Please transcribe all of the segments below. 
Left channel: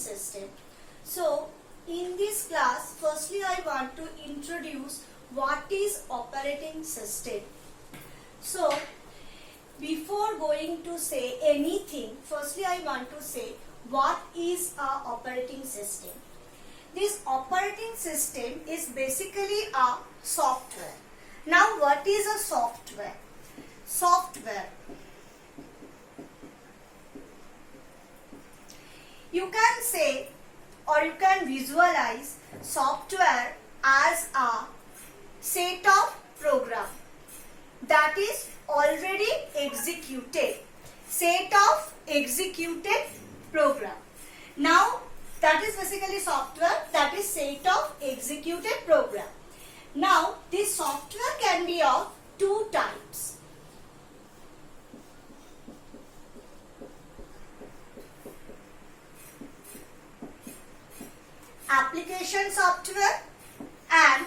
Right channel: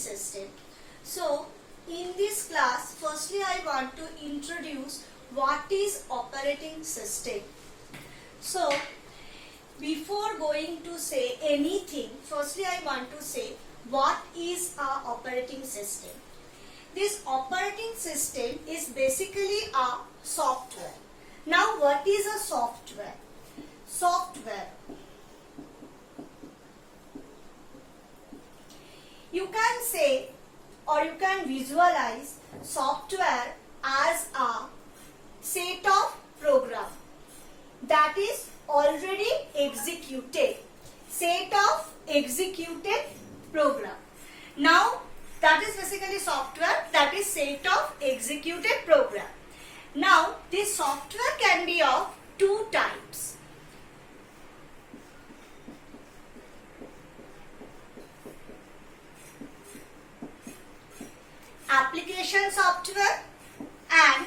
system. So in this class, firstly I want to introduce what is operating system. So before going to say anything, firstly I want to say what is a operating system. This operating system is basically a software. Now what is a software? Software, you can say or you can visualize software as a set of program that is already executed. Set of executed program. Now that is basically software, that is set of executed program. Now this software can be of two types. Application software and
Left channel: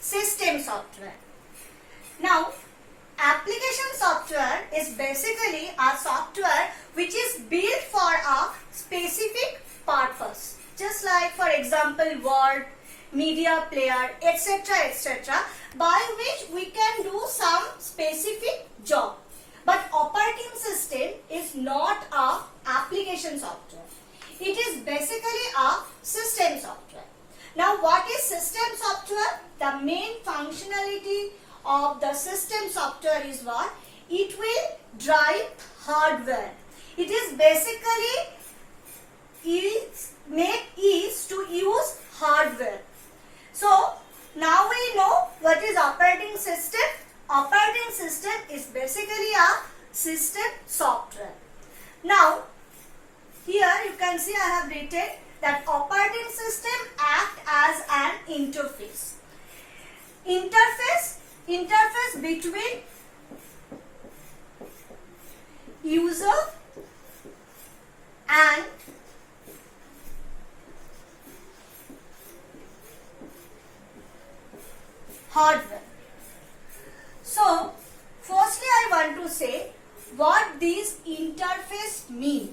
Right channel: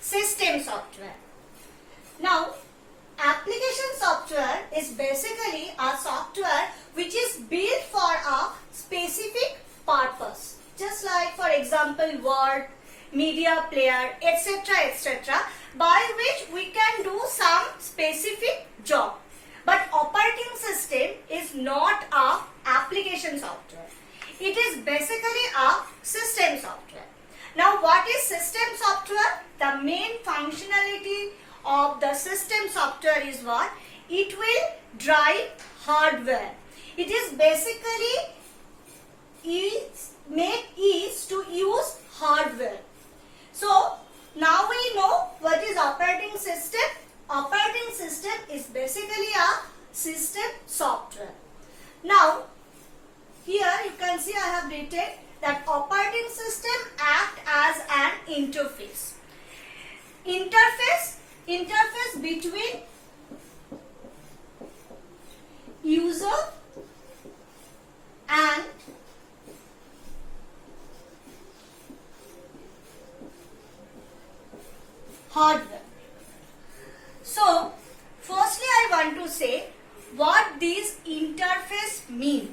system software. Now application software is basically a software which is built for a specific purpose, just like for example Word, media player, etc., by which we can do some specific job. But operating system is not a application software. It is basically a system software. Now what is system software? The main functionality of the system software is what? It will drive hardware. It is basically make ease to use hardware. So now we know what is operating system. Operating system is basically a system software. Now here you can see I have written that operating system act as an interface. Interface between user and hardware. So firstly I want to say what this interface means.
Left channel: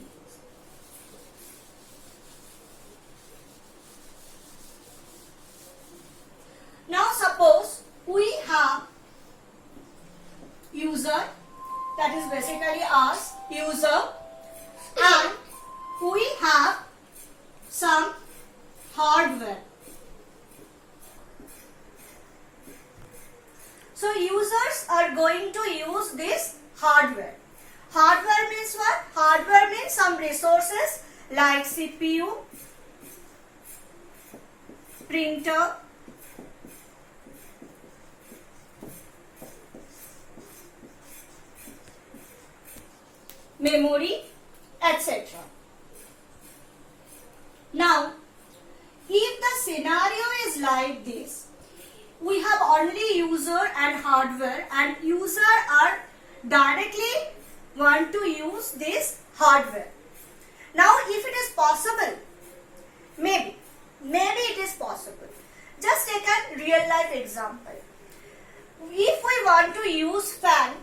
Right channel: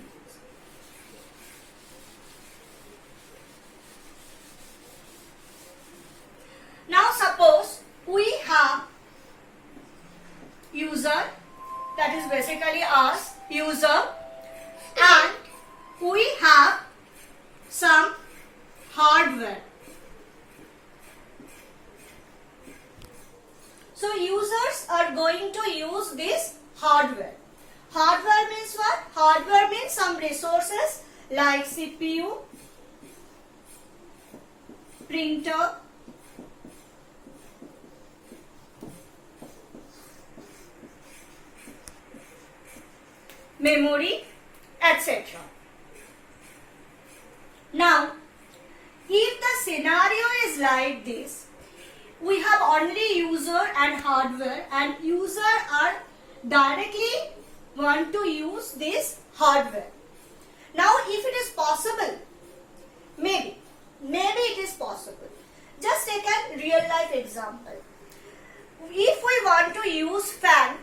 Now suppose we have user, that is basically us, user, and we have some hardware. So users are going to use this hardware. Hardware means what? Hardware means some resources like CPU, printer, memory, etc. Now, if the scenario is like this, we have only user and hardware, and user are directly want to use this hardware. Now, if it is possible, maybe it is possible. Just take a real life example. If we want to use fan,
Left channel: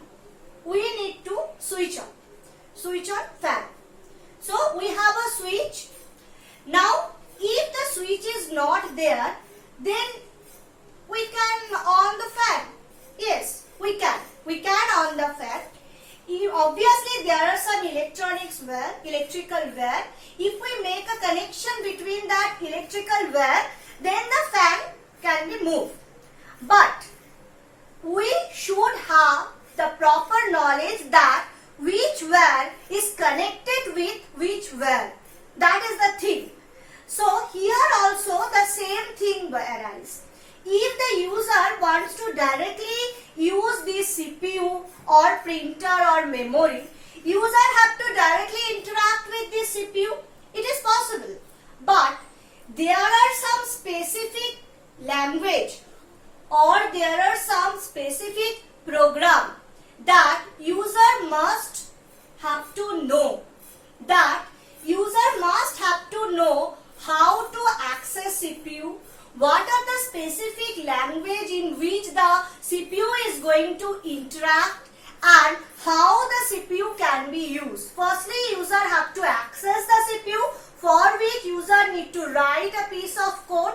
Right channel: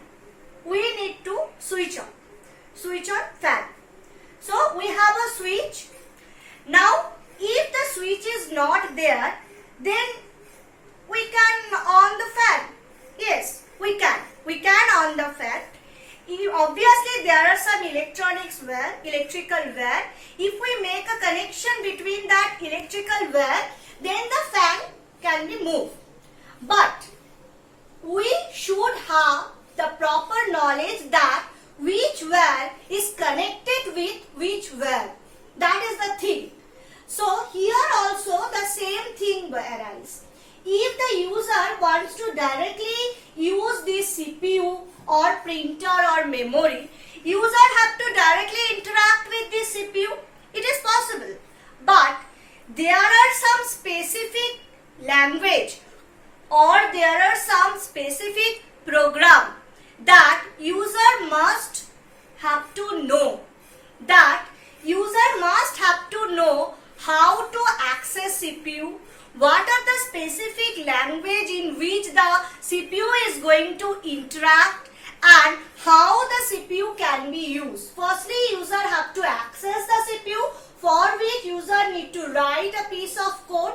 we need to switch on fan. So we have a switch. Now if the switch is not there, then we can on the fan. Yes, we can on the fan. Obviously there are some electrical wire. If we make a connection between that electrical wire, then the fan can be moved. But we should have the proper knowledge that which wire is connected with which wire. That is the thing. So here also the same thing arises. If the user wants to directly use this CPU or printer or memory, user have to directly interact with this CPU. It is possible. But there are some specific language or there are some specific program that user must have to know. That user must have to know how to access CPU, what are the specific language in which the CPU is going to interact, And how the CPU can be used. Firstly, user have to access the CPU, for which user need to write a piece of code,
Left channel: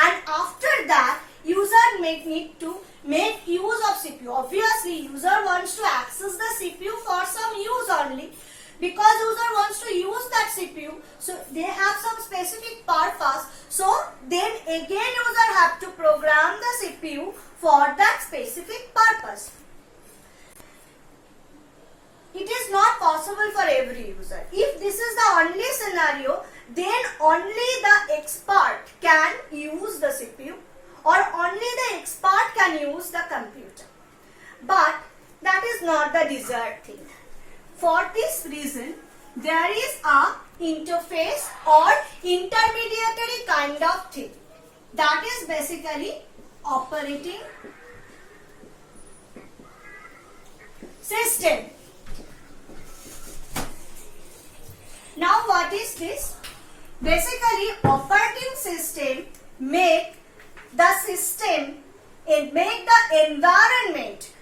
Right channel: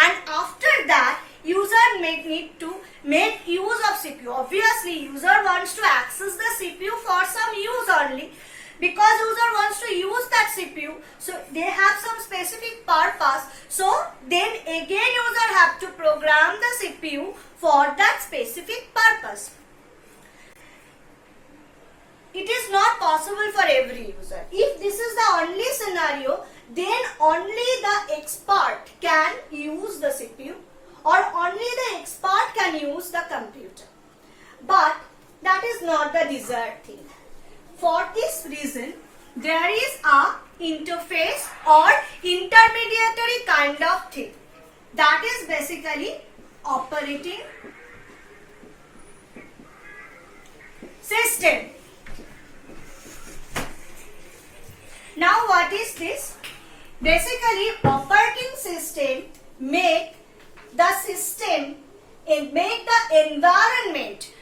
and after that user may need to make use of CPU. Obviously, user wants to access the CPU for some use only, because user wants to use that CPU, so they have some specific purpose. So then again user have to program the CPU for that specific purpose. It is not possible for every user. If this is the only scenario, then only the expert can use the CPU, or only the expert can use the computer. But that is not the desired thing. For this reason, there is a interface or intermediary kind of thing. That is basically operating system. Now what is this? Basically, operating system make the environment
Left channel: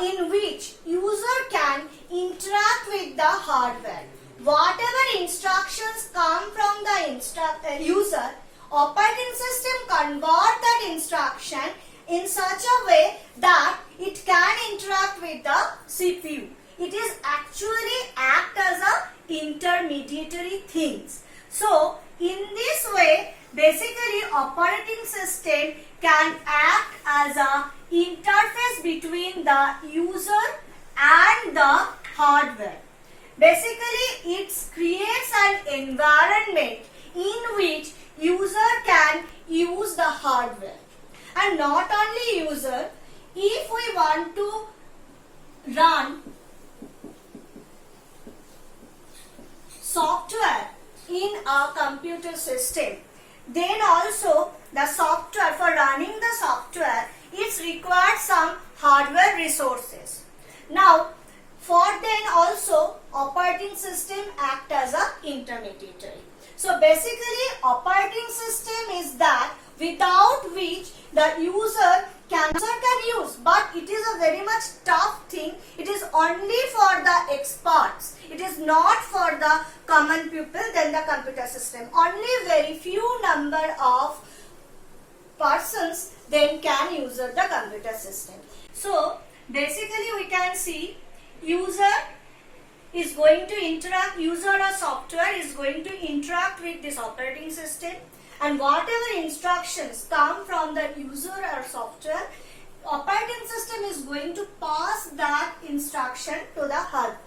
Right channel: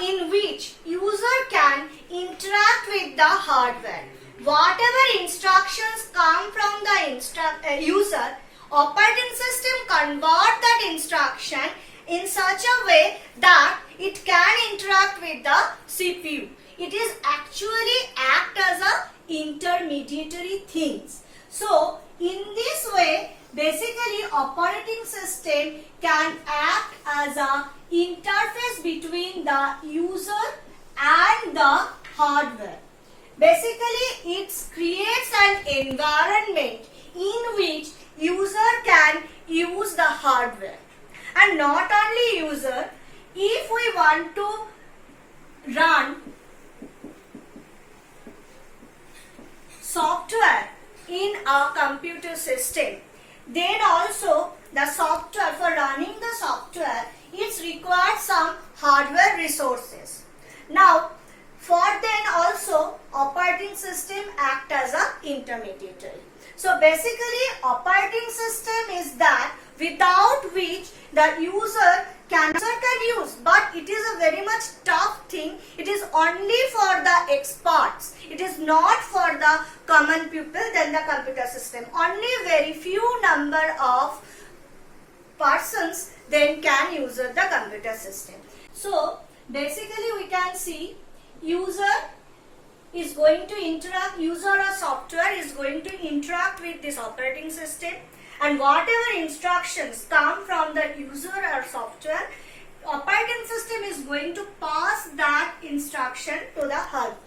in which user can interact with the hardware. Whatever instructions come from the user, operating system convert that instruction in such a way that it can interact with the CPU. It is actually act as a intermediary things. So in this way, basically operating system can act as a interface between the user and the hardware. Basically, it creates an environment in which user can use the hardware. And not only user, if we want to run software in a computer system, then also the software, for running the software, it requires some hardware resources. Now, for then also operating system act as a intermediary. So basically, operating system is that without which the user can use, but it is a very much tough thing. It is only for the experts. It is not for the common people than the computer system. Only very few number of persons then can use the computer system. So basically we can see user is going to interact, user or software is going to interact with this operating system, and whatever instructions come from the user or software, operating system is going to pass that instruction to the hardware.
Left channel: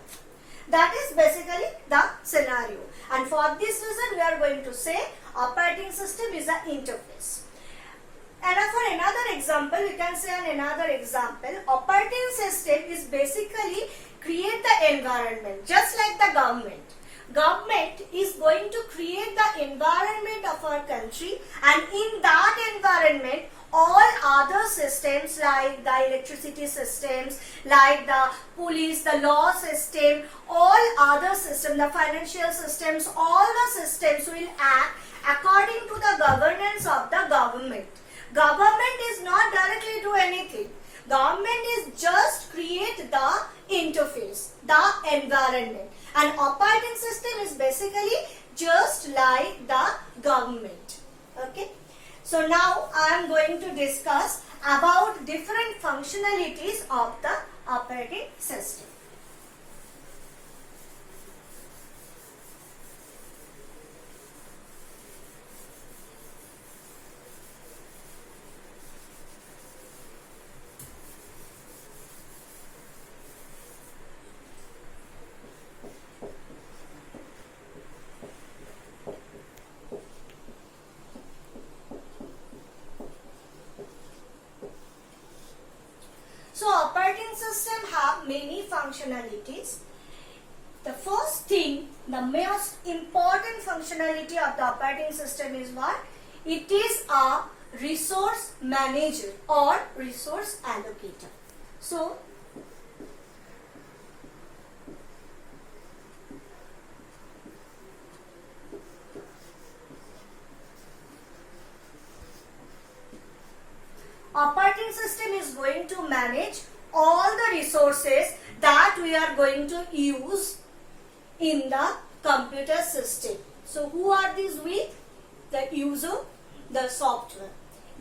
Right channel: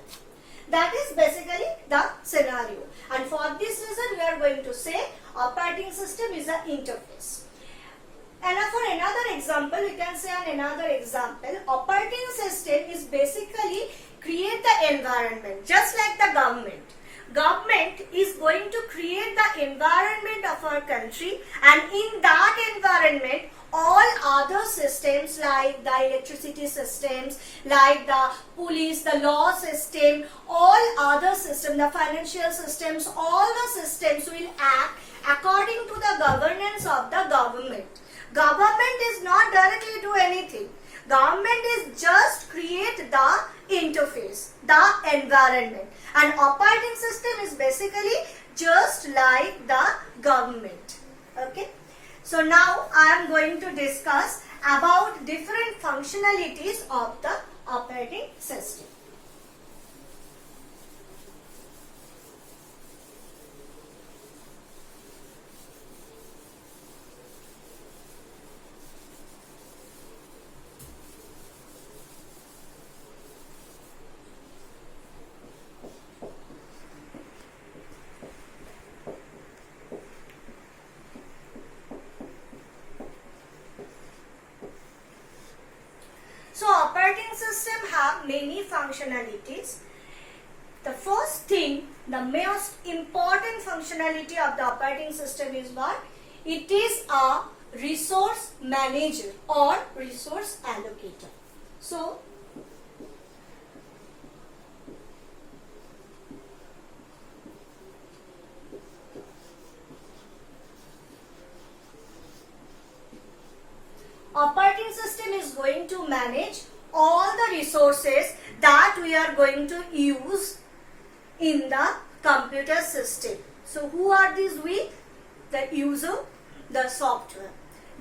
That is basically the scenario, and for this reason we are going to say operating system is an interface. And for another example, we can say another example, operating system is basically create the environment, just like the government. Government is going to create the environment of our country, and in that environment all other systems like the electricity systems, like the police, the law system, all other systems, the financial systems, all the systems will act according to the governance of the government. Government is not directly do anything. Government is just create the interface, the environment, and operating system is basically just like the government. Okay. So now I am going to discuss about different functionalities of the operating system. So operating system have many functionalities. The first thing, the most important functionality of the operating system is what? It is a resource manager or resource allocator. So operating system is going to manage all the resources that we are going to use in the computer system. So who are these we? The user, the software.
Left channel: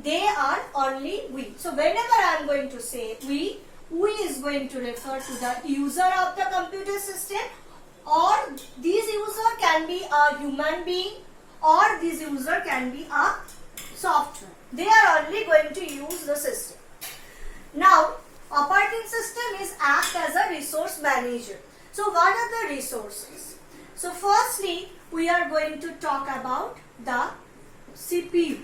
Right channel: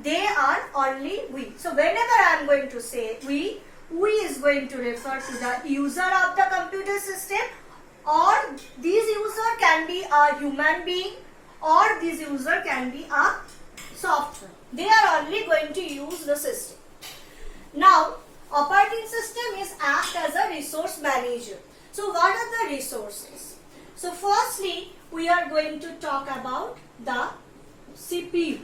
They are only we. So whenever I am going to say we is going to refer to the user of the computer system, or this user can be a human being, or this user can be a software. They are only going to use the system. Now, operating system is act as a resource manager. So what are the resources? So firstly, we are going to talk about the CPU.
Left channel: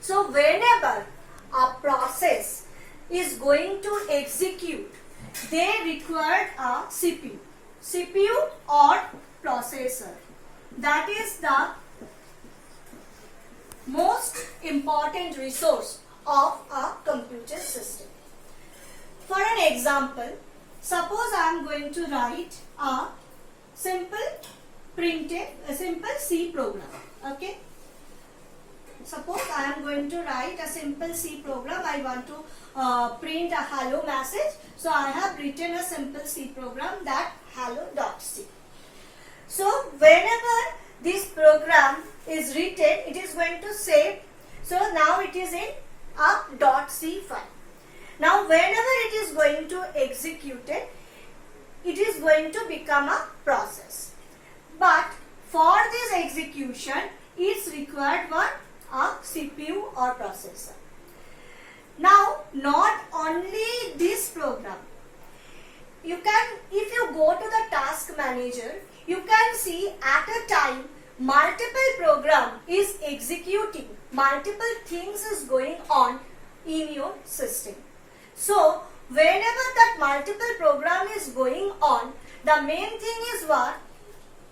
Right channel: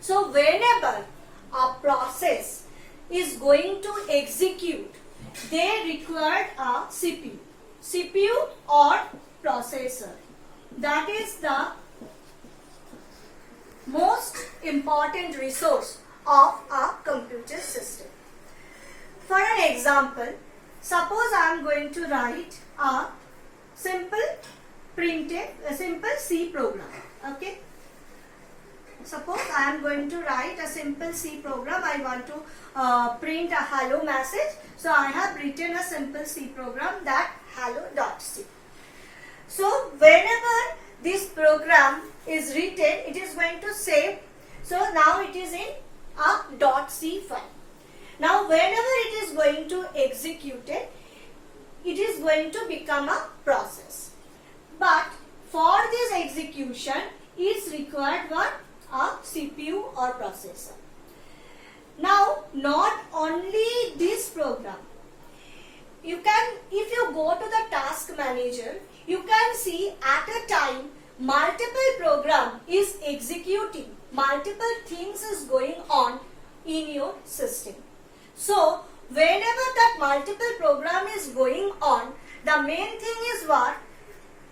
So whenever a process is going to execute, they require a CPU or processor. That is the most important resource of a computer system. For an example, suppose I am going to write a simple C program. Okay. Suppose I am going to write a simple C program. I want to print a hello message. So I have written a simple C program, that hello.c. So whenever this program is written, it is going to save. So now it is in a .c file. Now whenever it is going to execute it is going to become a process. But for this execution, it's required one a CPU or processor. Now, not only this program, you can, if you go to the task manager, you can see at a time multiple program is executing, multiple things is going on in your system. So, whenever that multiple program is going on, the main thing is what?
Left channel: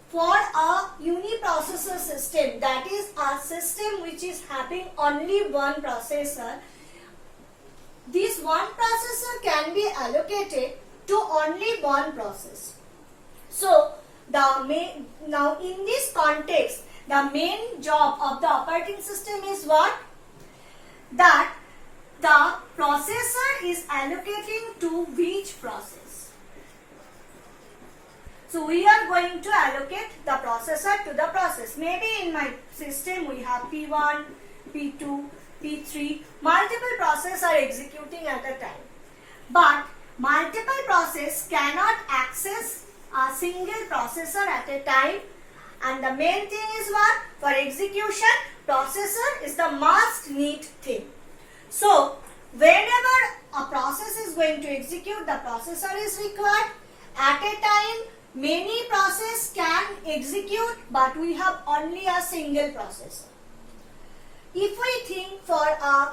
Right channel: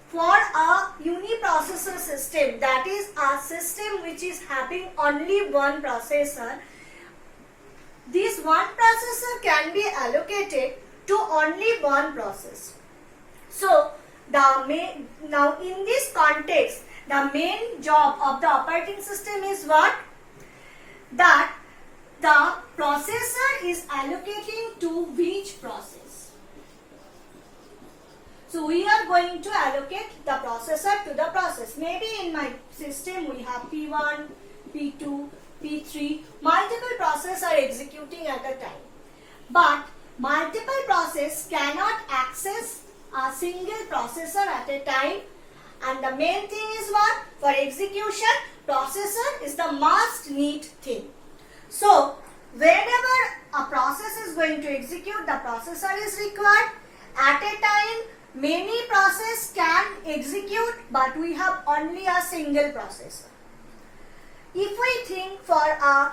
For a uniprocessor system, that is a system which is having only one processor, this one processor can be allocated to only one process. So, now in this context, the main job of the operating system is what? That the processor is allocating to which process. So we are going to allocate the processor to the process. Maybe in my system we have P1, P2, P3, multiple processes are executing at a time. But multiple processes cannot access a single processor at a time. And the main thing is what? For execution, processor is the must need thing. So whenever a process is going to execute, the processor is required. At a time, many processes can execute, but we have only a single processor. If we think for a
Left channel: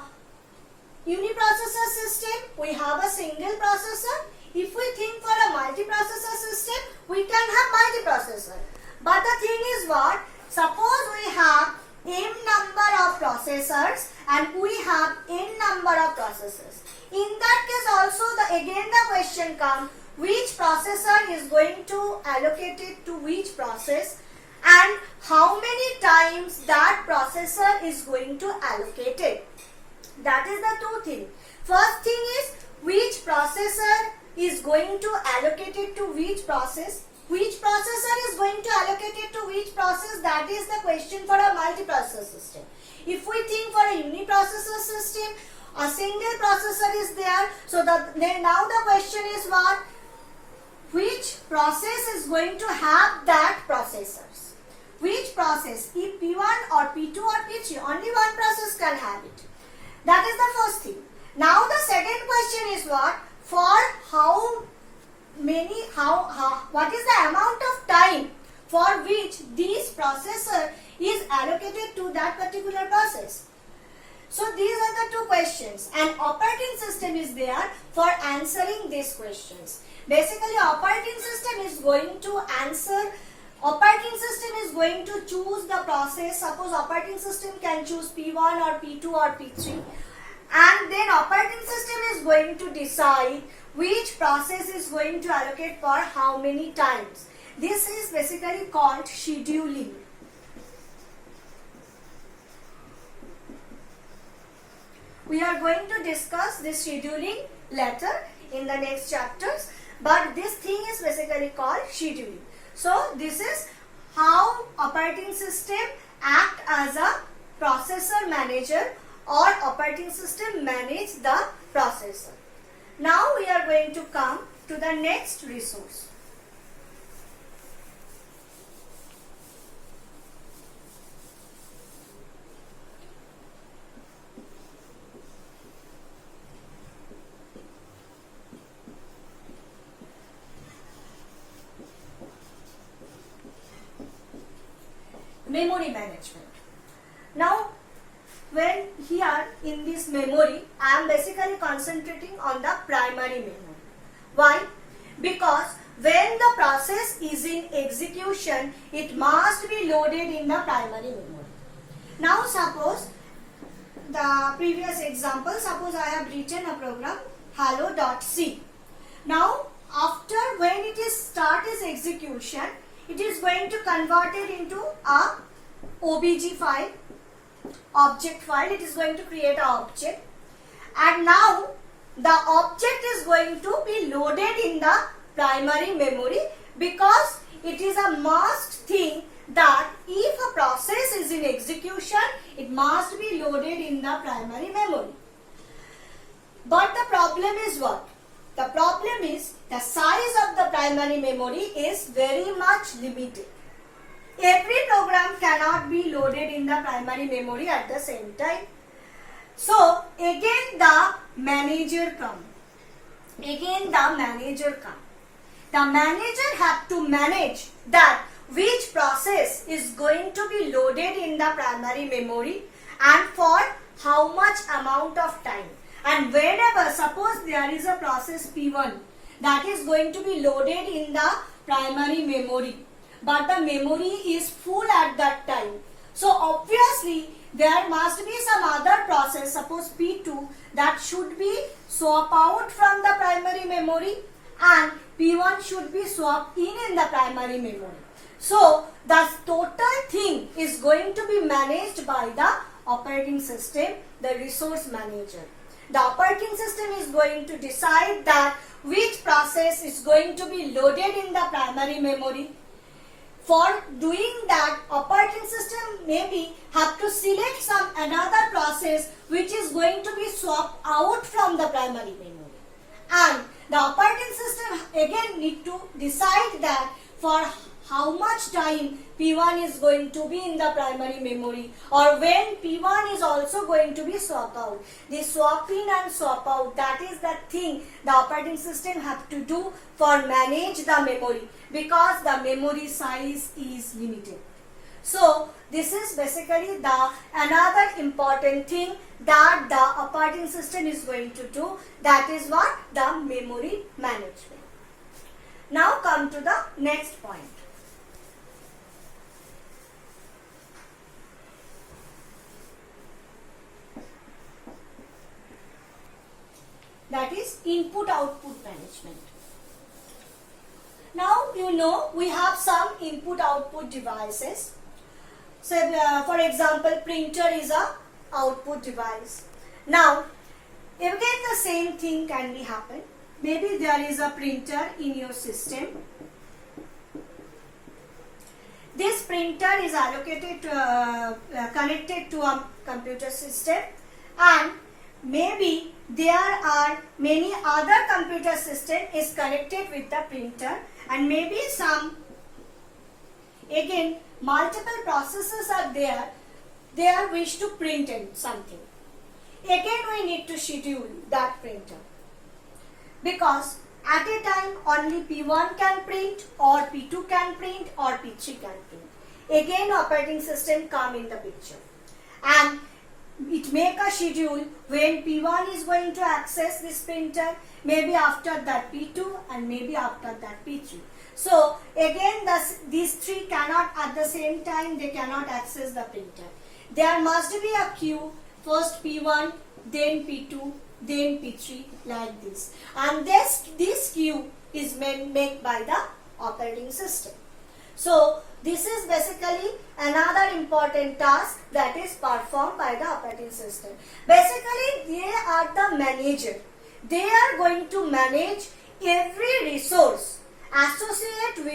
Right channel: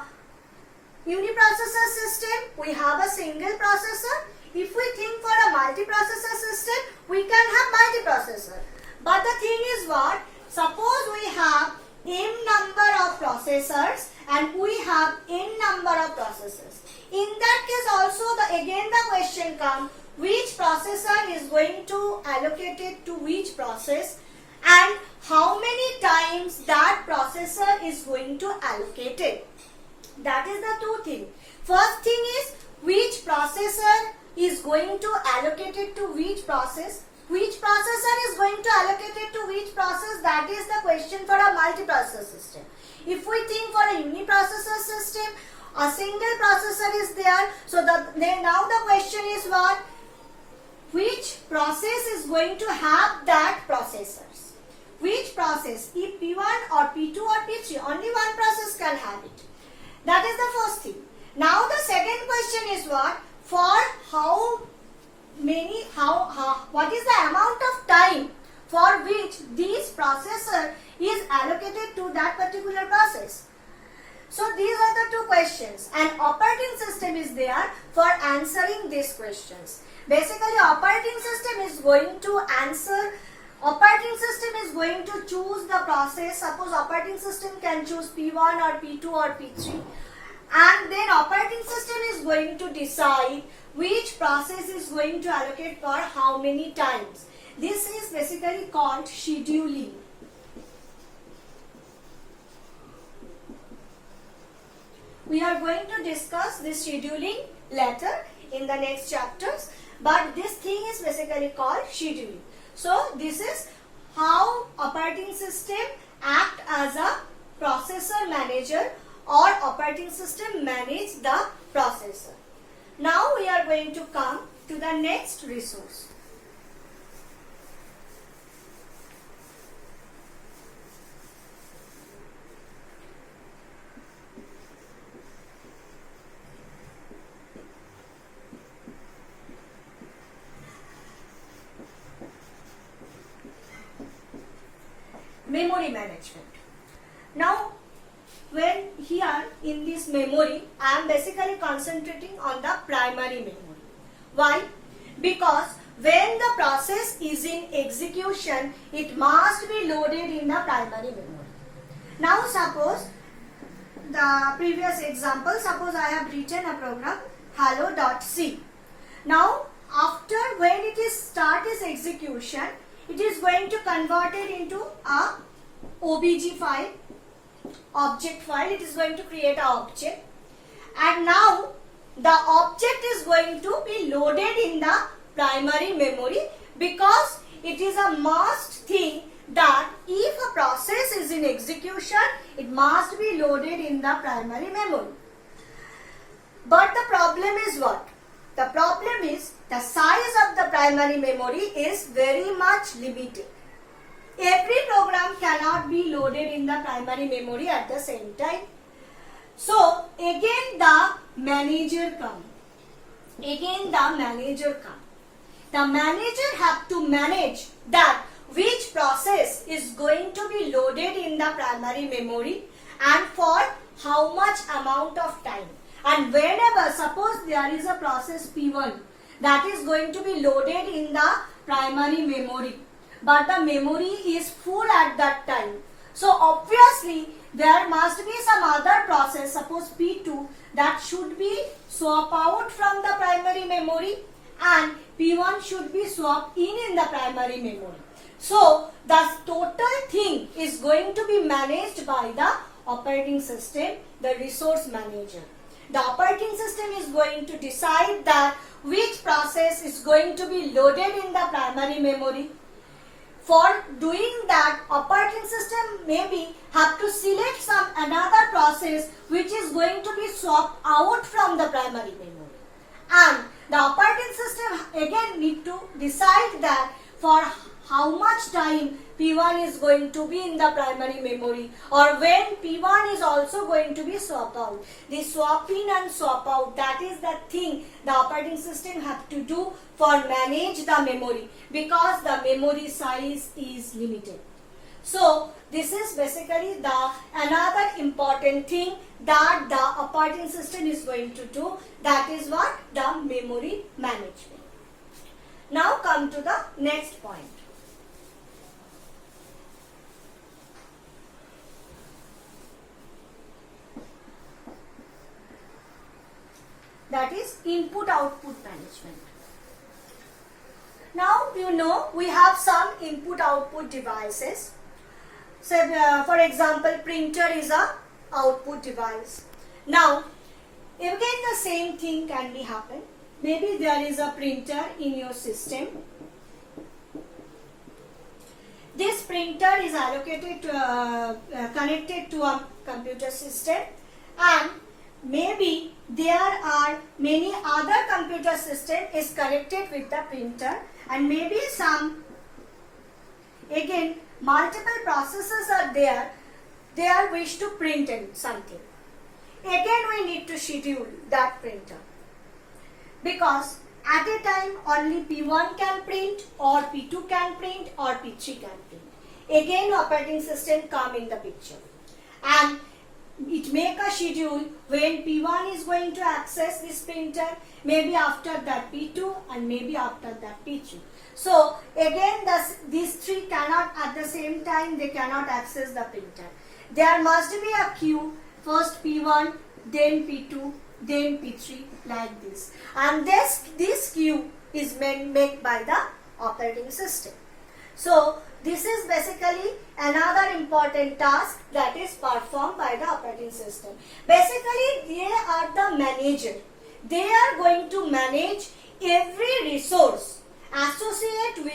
uniprocessor system, we have a single processor. If we think for a multiprocessor system, we can have multiprocessor. But the thing is what? Suppose we have m number of processors and we have n number of processors. In that case also, again the question comes, which processor is going to allocate it to which process and how many times that processor is going to allocate it. That is the two things. First thing is which processor is going to allocate it to which process. Which processor is going to allocate it to which process, that is the question for a multiprocessor system. If we think for a uniprocessor system, a single processor is there. So now the question is what? Which process is going to have that processors? Which process? If P1 or P2 or P3, only one process can have it. That is the first thing. Now the second question is what? For how many, what is the amount of time for which this processor is allocated to that particular process? So these are the two questions, and operating system is there for answering these questions. Basically, operating system is going to answer, operating system is going to choose the process. Suppose operating system can choose P1 or P2 or P3, and then operating system is going to decide which process is going to allocate for how many times. This is basically called scheduling. We are going to discuss this scheduling later in the next chapters. but this thing is basically called scheduling. So this is how operating system act as a processor manager, or operating system manage the processor. Now we are going to come to the next resource. Memory management. Now, when here in this memory, I am basically concentrating on the primary memory. Why? Because when the process is in execution, it must be loaded in the primary memory. Now, suppose the previous example, suppose I have written a program hello.c. Now, after when it is start its execution, it is going to convert it into a OBJ file, object file. It is going to create an object, and now the object is going to be loaded in the primary memory, because it is a must thing that if a process is in execution, it must be loaded in the primary memory. But the problem is what? The problem is the size of the primary memory is very much limited. Every program cannot be loaded in the primary memory at the same time. So again the manager comes. The manager have to manage that which process is going to be loaded in the primary memory and for how much amount of time. And whenever, suppose there is a process P1 that is going to be loaded in the primary memory, but the memory is full at that time. So obviously there must be some other process, suppose P2, that should be swapped out from the primary memory, and P1 should be swapped in the primary memory. So the total thing is going to be managed by the operating system, the resource manager. The operating system is going to decide that which process is going to be loaded in the primary memory. For doing that, operating system maybe have to select some another process which is going to be swapped out from the primary memory. And the operating system again need to decide that for how much time P1 is going to be in the primary memory, or when P1 is also going to be swapped out. The swap in and swap out, that is the thing the operating system have to do for manage the memory, because the memory size is limited. So this is basically the another important thing that the operating system is going to do, that is what? The memory management. Now come to the next point. That is input-output management. Now you know we have some input-output devices. So for example, printer is a output device. Now again the same thing can be happen. Maybe there is a printer in your system. This printer is allocated to, connected to a computer system, and maybe there are many other computer system is connected with the printer, and maybe some again multiple processes are there. They are wish to print in something. Again we need to schedule that printer, because at a time only P1 can print, or P2 can print, or P3 can print. Again operating system come in the picture, and it make a schedule when P1 is going to access this printer, maybe after that P2, and maybe after that P3. So again these three cannot at the same time, they cannot access the printer. There must be a queue, first P1, then P2, then P3, like this. And this queue is made by the operating system. So this is basically another important task that is performed by the operating system. Basically they are the manager. They are going to manage every resource associated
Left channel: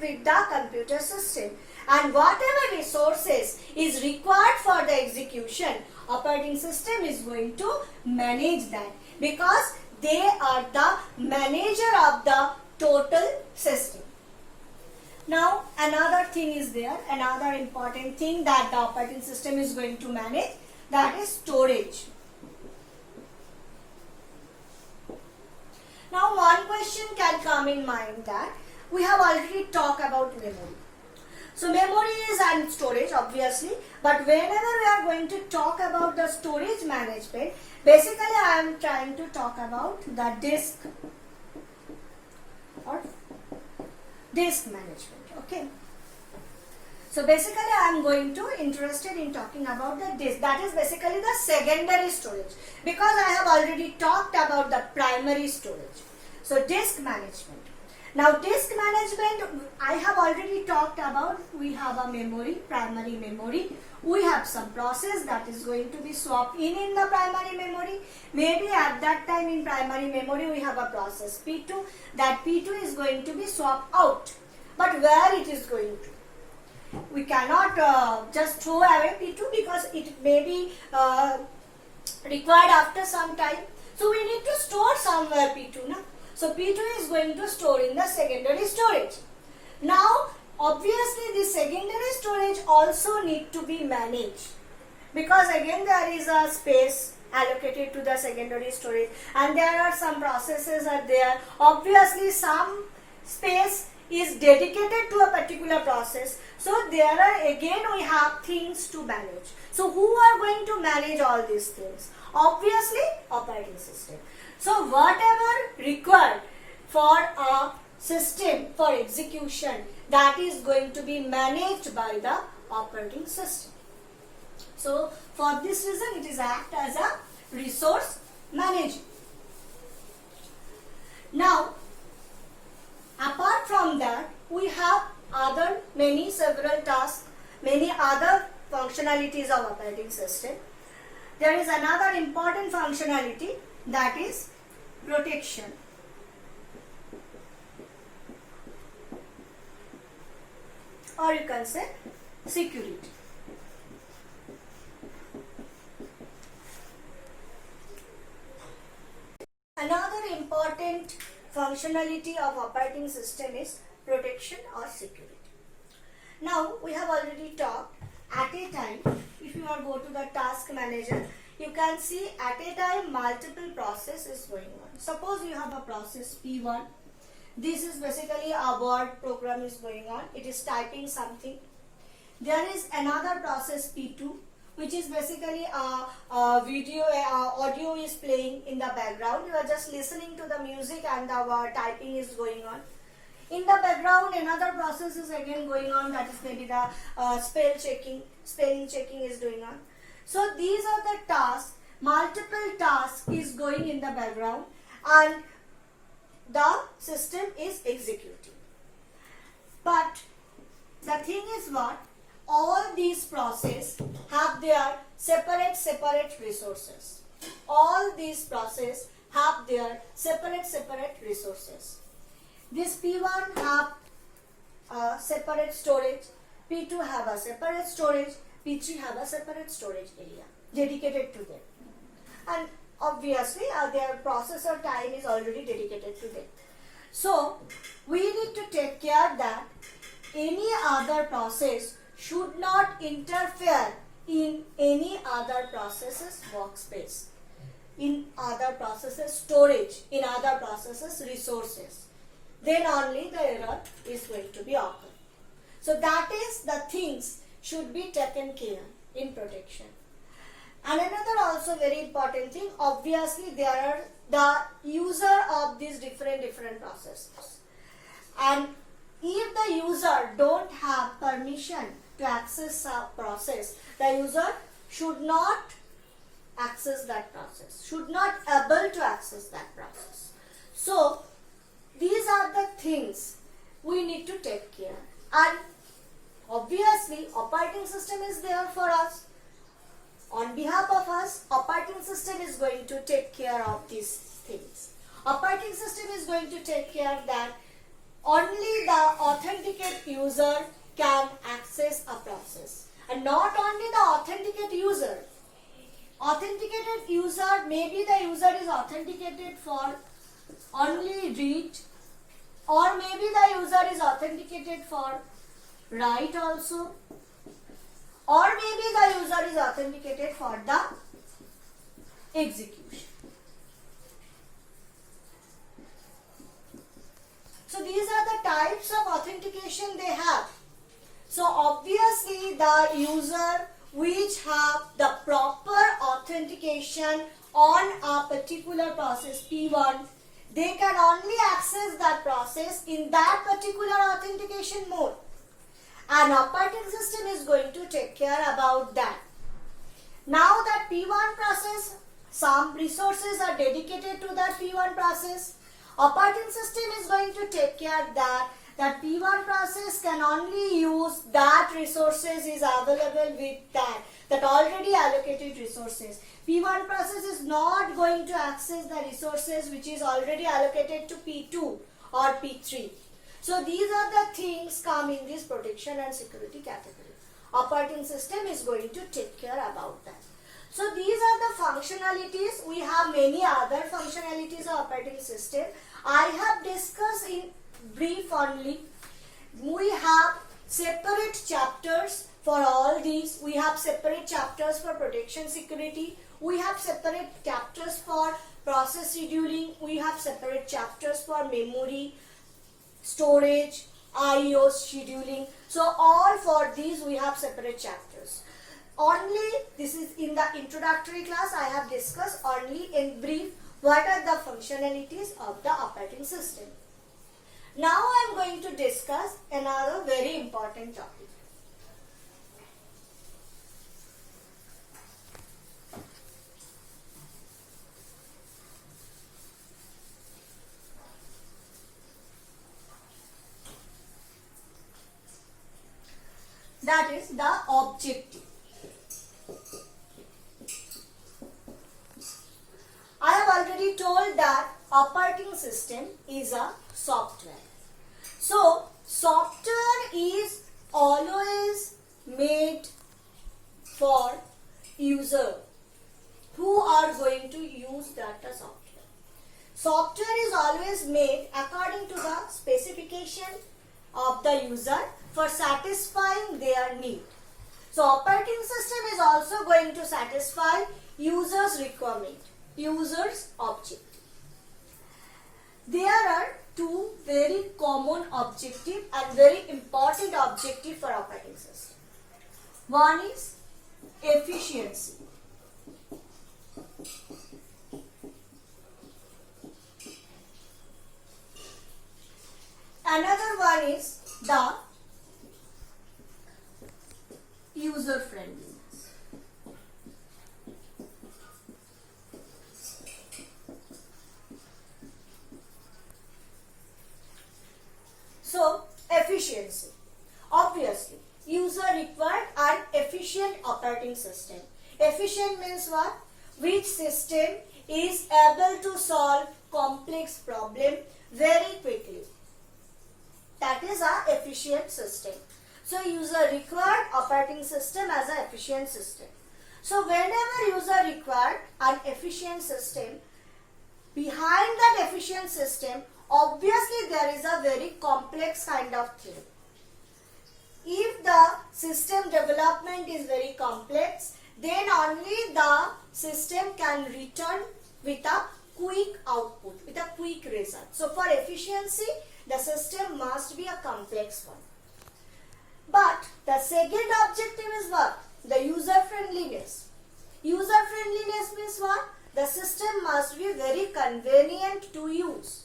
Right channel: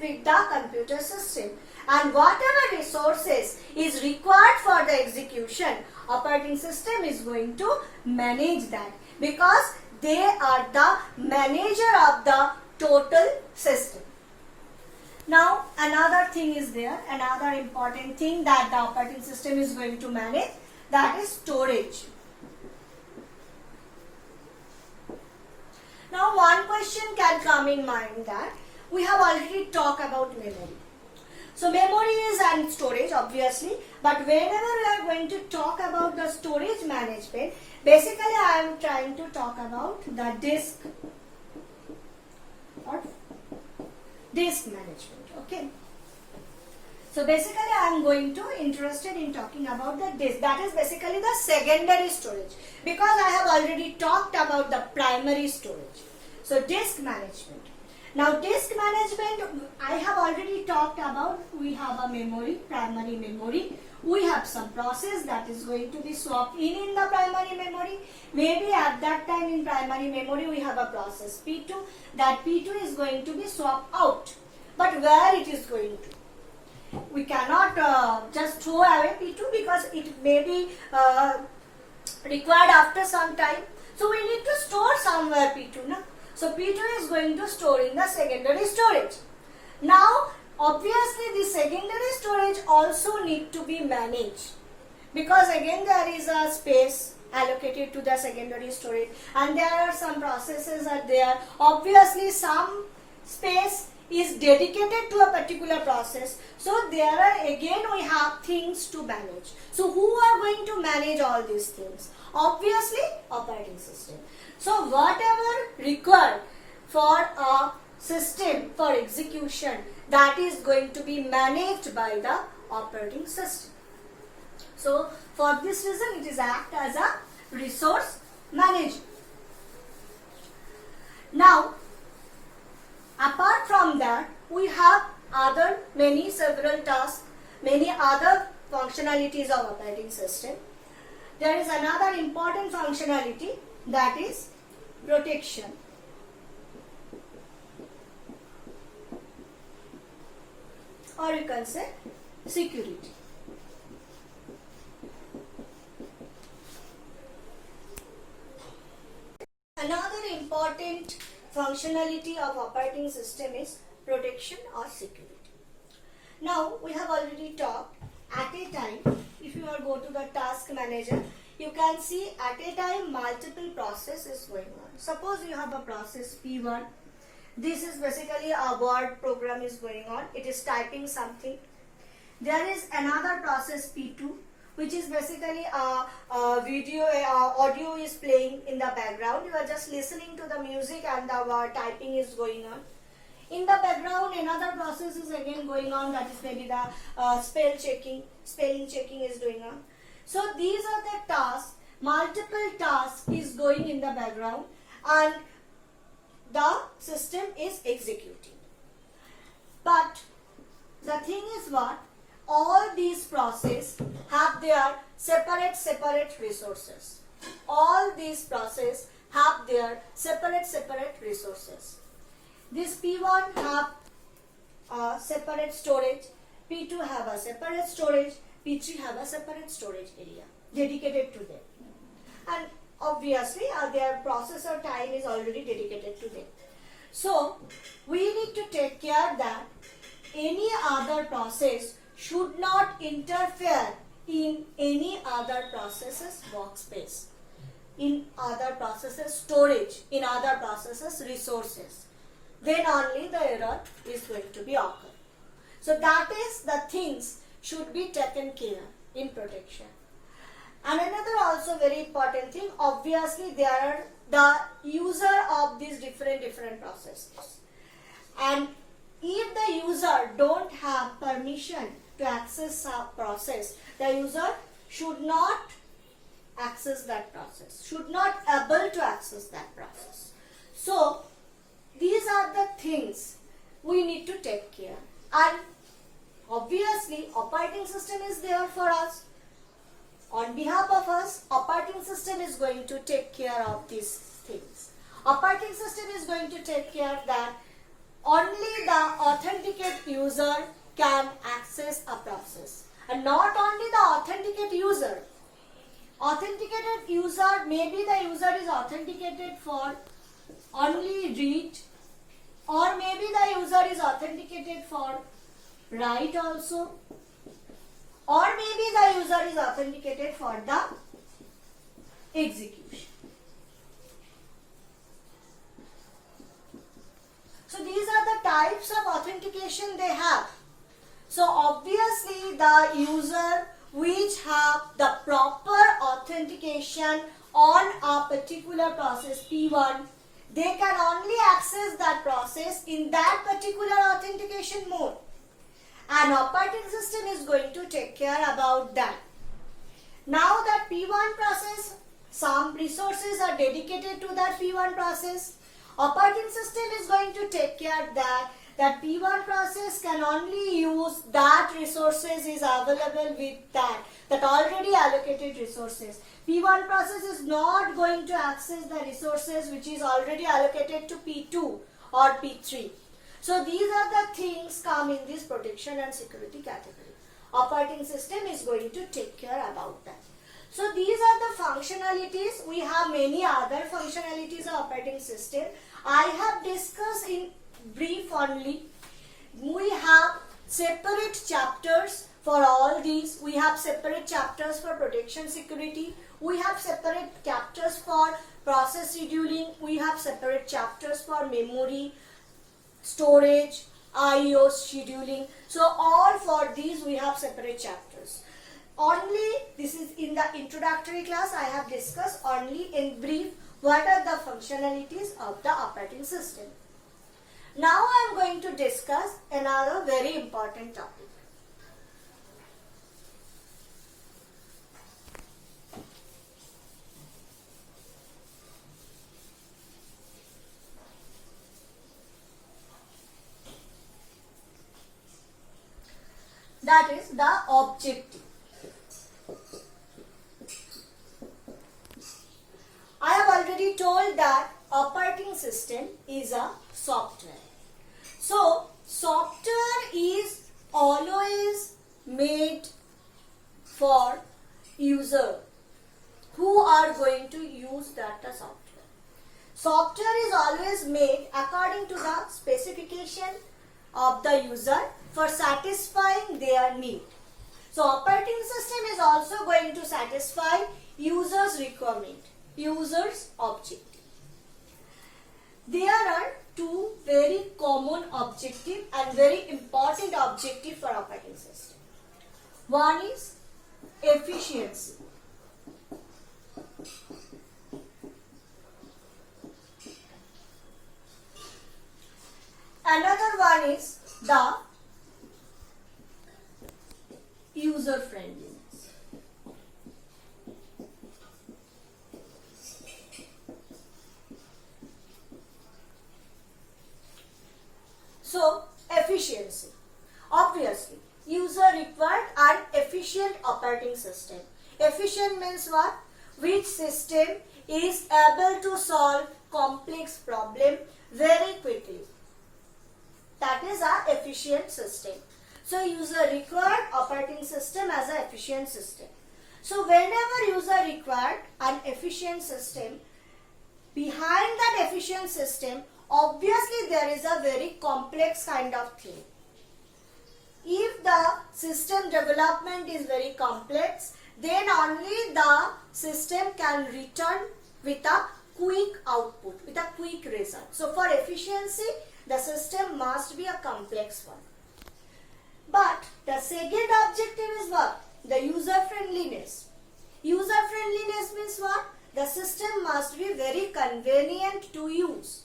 with the computer system, and whatever resources is required for the execution, operating system is going to manage that, because they are the manager of the total system. Now another thing is there, another important thing that the operating system is going to manage, that is storage. Now one question can come in mind, that we have already talked about memory. So memory is and storage obviously, but whenever we are going to talk about the storage management, basically I am trying to talk about the disk or disk management. Okay. So basically I am going to interested in talking about the disk, that is basically the secondary storage, because I have already talked about the primary storage. So disk management. Now disk management, I have already talked about, we have a memory, primary memory. We have some process that is going to be swapped in the primary memory. Maybe at that time in primary memory we have a process P2, that P2 is going to be swapped out. But where it is going to? We cannot just throw away P2, because it may be required after some time. So we need to store somewhere P2. Na? So P2 is going to store in the secondary storage. Now obviously the secondary storage also need to be managed, because again there is a space allocated to the secondary storage, and there are some processes are there. Obviously some space is dedicated to a particular process. So there are again we have things to manage. So who are going to manage all these things? Obviously operating system. So whatever required for a system for execution, that is going to be managed by the operating system. So for this reason it is act as a resource manager. Now apart from that, we have other several tasks, many other functionalities of operating system. There is another important functionality, that is protection. Or you can say security. Another important functionality of operating system is protection or security. Now we have already talked, at a time, if you are go to the task manager, you can see at a time multiple processes going on. Suppose you have a process P1. This is basically a word program is going on. It is typing something. There is another process P2, which is basically a video, audio is playing in the background. You are just listening to the music and the typing is going on. In the background, another process is again going on, that is maybe the spelling checking is going on. So these are the tasks, multiple tasks is going in the background, and the system is executing. But the thing is what? All these processes have their separate resources. All these processes have their separate resources. This P1 have a separate storage, P2 have a separate storage, P3 have a separate storage area dedicated to them. And obviously their processor time is already dedicated to them. So we need to take care that any other process should not interfere in any other processes workspace, in other processes storage, in other processes resources. Then only the error is going to be occur. So that is the things should be taken care in protection. And another also very important thing, obviously they are the user of these different processes. And if the user don't have permission to access a process, the user should not access that process, should not able to access that process. So these are the things we need to take care. And obviously operating system is there for us. On behalf of us, operating system is going to take care of these things. Operating system is going to take care that only the authenticated user can access a process. And not only the authenticated user. Authenticated user, maybe the user is authenticated for only read, or maybe the user is authenticated for write also, or maybe the user is authenticated for the execution. So these are the types of authentication they have. So obviously the user which have the proper authentication on a particular process P1, they can only access that process in that particular authentication mode. And operating system is going to take care about that. Now that P1 process, some resources are dedicated to that P1 process. Operating system is going to take care that P1 process can only use that resources is available with that already allocated resources. P1 process is not going to access the resources which is already allocated to P2 or P3. So these are the things come in this protection and security category. Operating system is going to take care about that. So these are the functionalities. We have many other functionalities of operating system. I have discussed in brief only. We have separate chapters for all these. We have separate chapters for protection security. We have separate chapters for process scheduling. We have separate chapters for memory, storage, I/O scheduling. So all for these we have separate chapters. Only this is in the introductory class I have discussed only in brief what are the functionalities of the operating system. Now I am going to discuss another very important topic. That is the objective. I have already told that operating system is a software. So software is always made for user who are going to use that software. Software is always made according to the specification of the user for satisfying their need. So operating system is also going to satisfy user's requirement, user's objective. There are two very common objective and very important objective for operating system. One is efficiency. Another one is the user friendliness. So efficiency. Obviously, user required an efficient operating system. Efficient means what? Which system is able to solve complex problem very quickly. That is our efficient system. So user required operating system as an efficient system. So whenever user required an efficient system, behind that efficient system, obviously there is a very complex kind of thing. If the system development is very complex, then only the system can return with a quick output, with a quick result. So for efficiency, the system must be a complex one. But the second objective is what? The user friendliness. User friendliness means what? The system must be very convenient to use.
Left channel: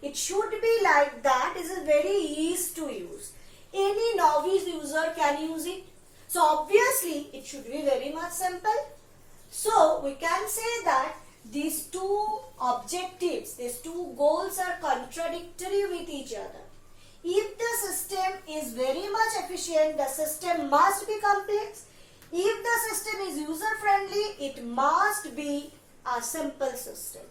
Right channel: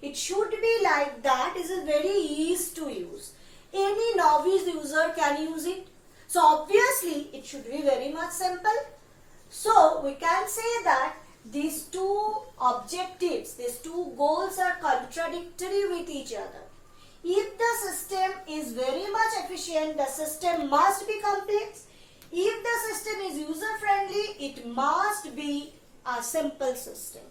It should be like that. It is very easy to use. Any novice user can use it. So obviously it should be very much simple. So we can say that these two objectives, these two goals are contradictory with each other. If the system is very much efficient, the system must be complex. If the system is user friendly, it must be a simple system.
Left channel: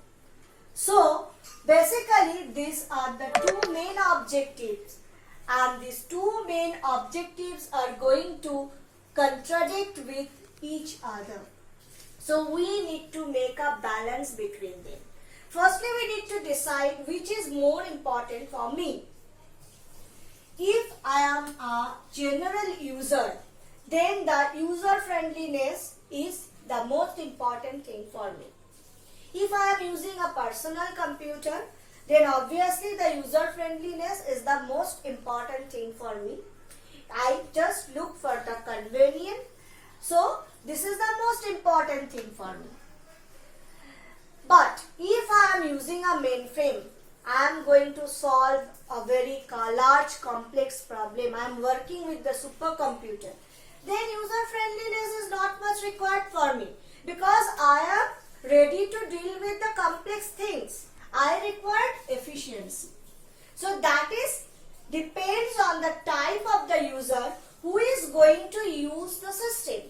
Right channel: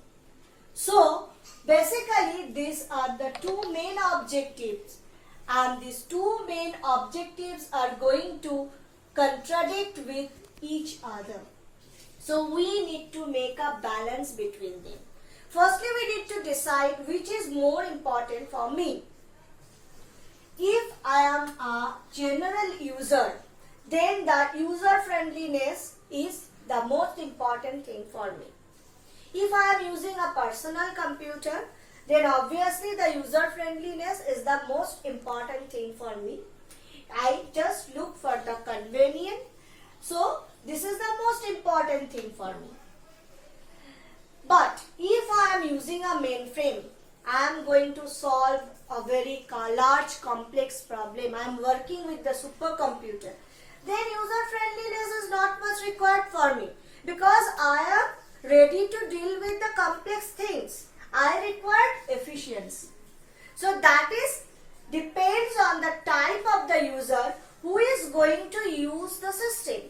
So basically these are the two main objectives, and these two main objectives are going to contradict with each other. So we need to make a balance between them. Firstly, we need to decide which is more important for me. If I am a general user, then the user friendliness is the most important thing for me. If I am using a personal computer, then obviously the user friendliness is the most important thing for me. I just look for the convenience. So this is the most important thing for me. But if I am using a mainframe, I am going to solve a very large complex problem. I am working with the supercomputer. Then user friendliness is not much required for me, because I am ready to deal with the complex things. I require efficiency. So that is depends on the type of the user who is going to use the system.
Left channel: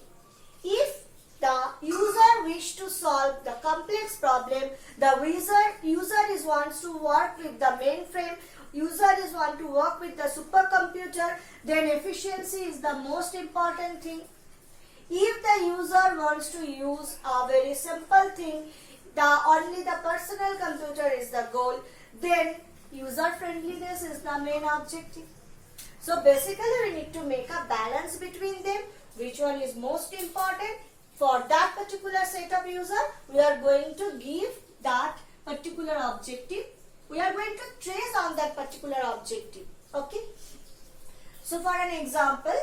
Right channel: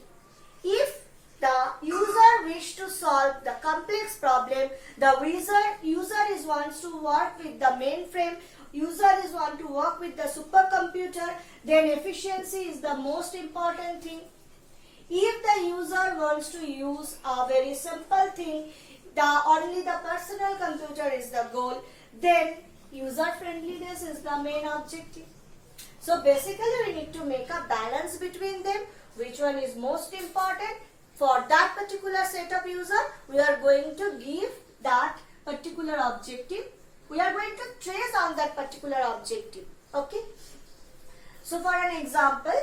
If the user wish to solve the complex problem, the user is wants to work with the mainframe, user is want to work with the supercomputer, then efficiency is the most important thing. If the user wants to use a very simple thing, only the personal computer is the goal, then user friendliness is the main objective. So basically we need to make a balance between them. Which one is most important? For that particular set of user, we are going to give that particular objective. We are going to trace on that particular objective. Okay. So for an example,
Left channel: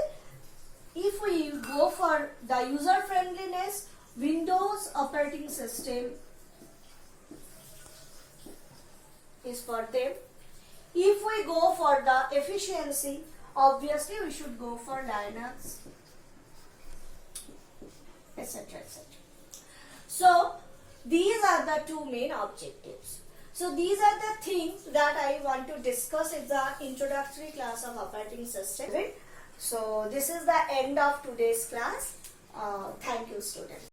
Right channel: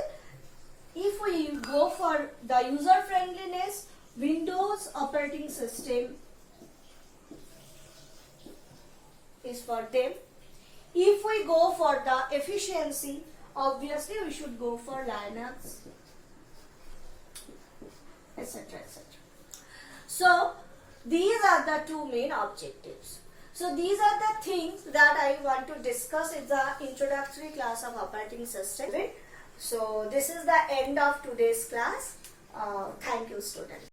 if we go for the user friendliness, Windows operating system is for them. If we go for the efficiency, obviously we should go for Linux, etc., etc. So these are the two main objectives. So these are the things that I want to discuss in the introductory class of operating system. So this is the end of today's class. Thank you, students.